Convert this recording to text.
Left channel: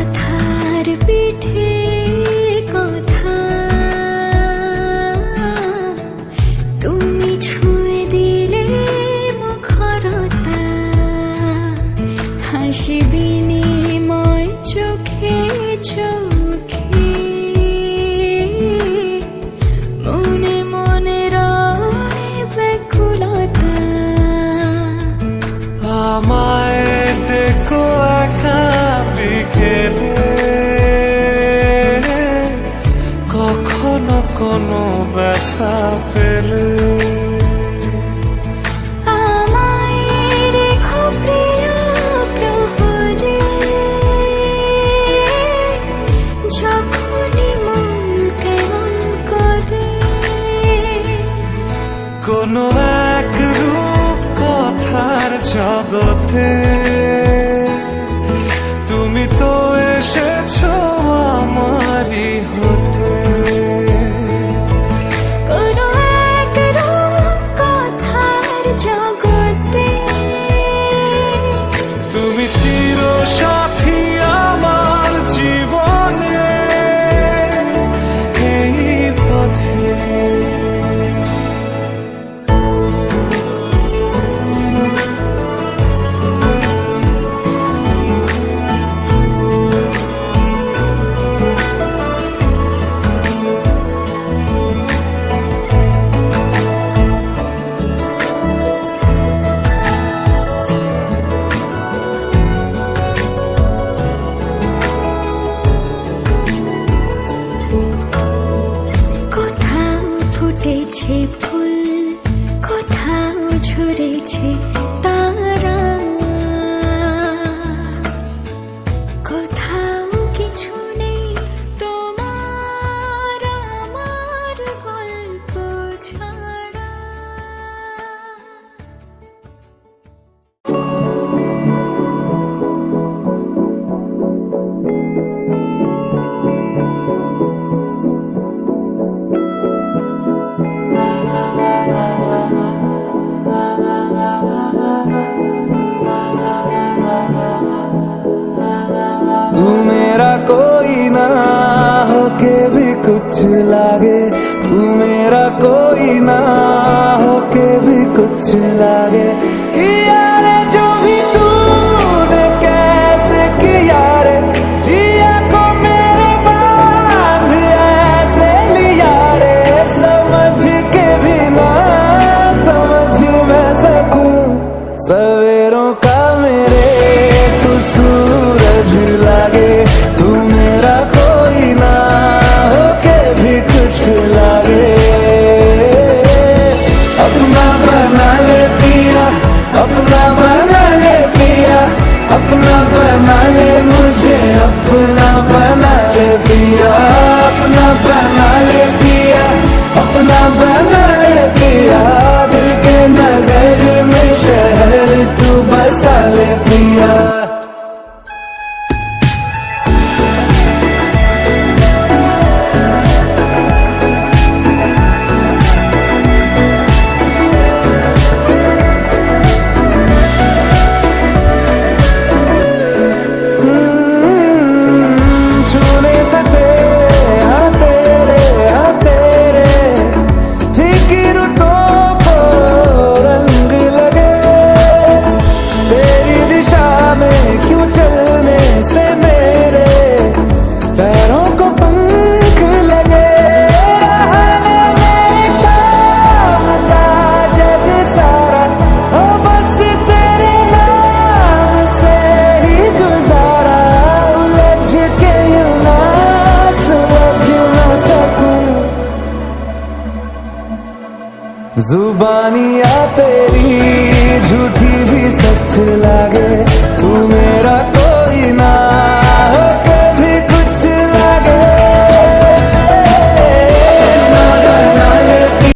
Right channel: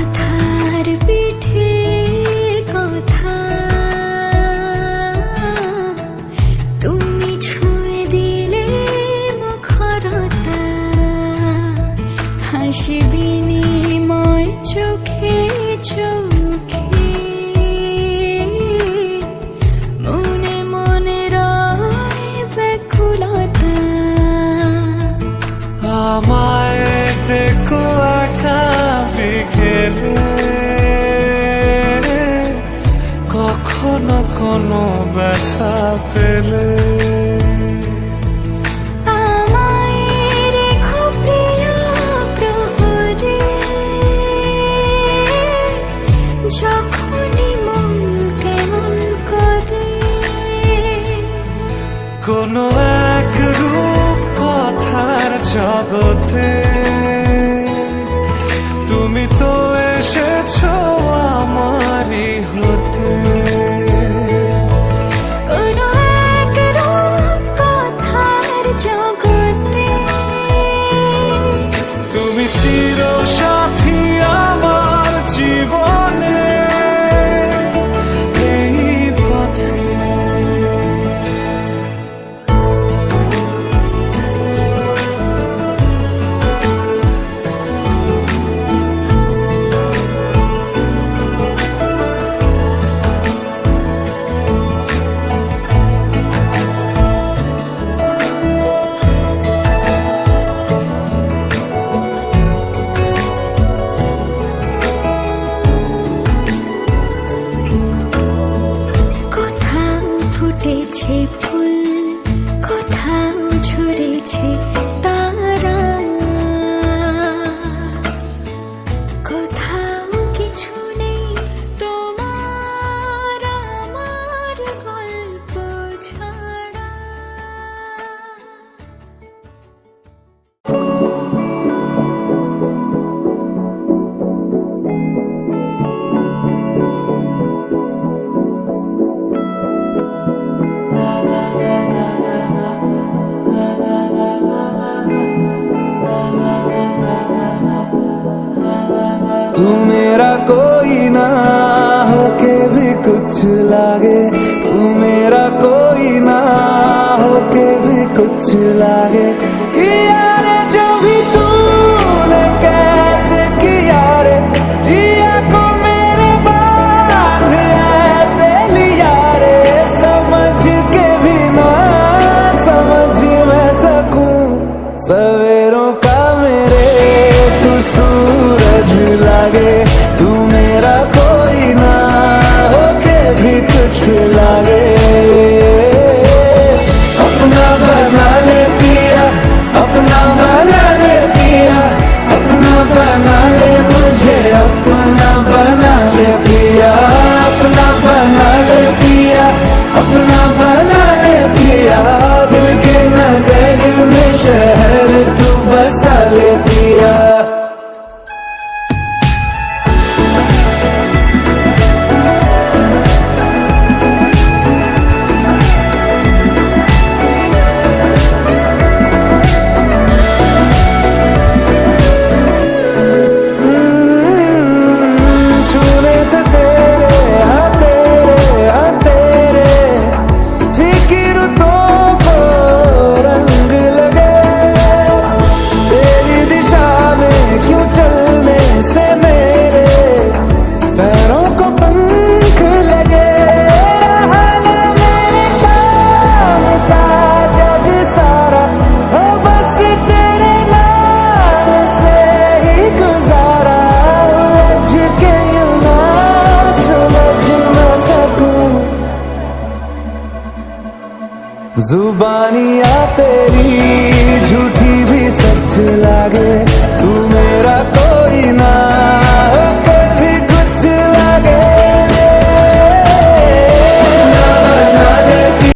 কথার পিঠে কথা, তুমি ছুঁয়ে দিলে মুখরতা, হাসি বিনিময় চোখে চোখে, মনে মনে রয় ব্যাকুলতা। আমায় দেখো একা বিকেলে, কখনো কোনো ব্যথা পেলে, আমায় রেখো প্রিয় প্রহরে, যখনই মন কেমন করে। কোনো এক রূপ কথার জগতে তুমি তো এসেছো আমারই হতে। কোনো এক রূপ কথার জগতে তুমি চির সাথী আমার জীবনে, এই পথে। ফুটেছে ফুল, কোথাও ঝরেছে তারা, কোথাও কিছু নেই তোমার আমার গল্প ছাড়া। तू मेरा कोई ना होके भी कुछ लागे, तू मेरा कोई ना होके भी कुछ लागे। किया रे जो भी तूने कैसे किया रे, जिया को मेरे बांध ऐसे लिया रे, समझ के भी ना समझ मैं सकूं सवेरों का मेरे तू सूरज लागे। तू मेरा कोई ना होके भी कुछ लागे। अपना बना ले पिया, अपना बना ले पिया, अपना बना ले मुझे, अपना बना ले पिया, अपना बना ले पिया, अपना बना ले पिया। दिल के नगर में शहर तू बसा ले पिया। छूने से तेरे हाँ तेरे हाँ तेरे फिक्र तो को रंग लगे, तेरी दिशा में क्यों चलने से मेरे पैरों को पंख लगे। रहने मेरे काम का जग सारा हो बस तेरे नाम से ही गुजारा, उलझ के यूं ना सुलझ न सकूं। जुबानियाँ तेरी झूठी भी सच लागे, तू मेरा कोई ना होके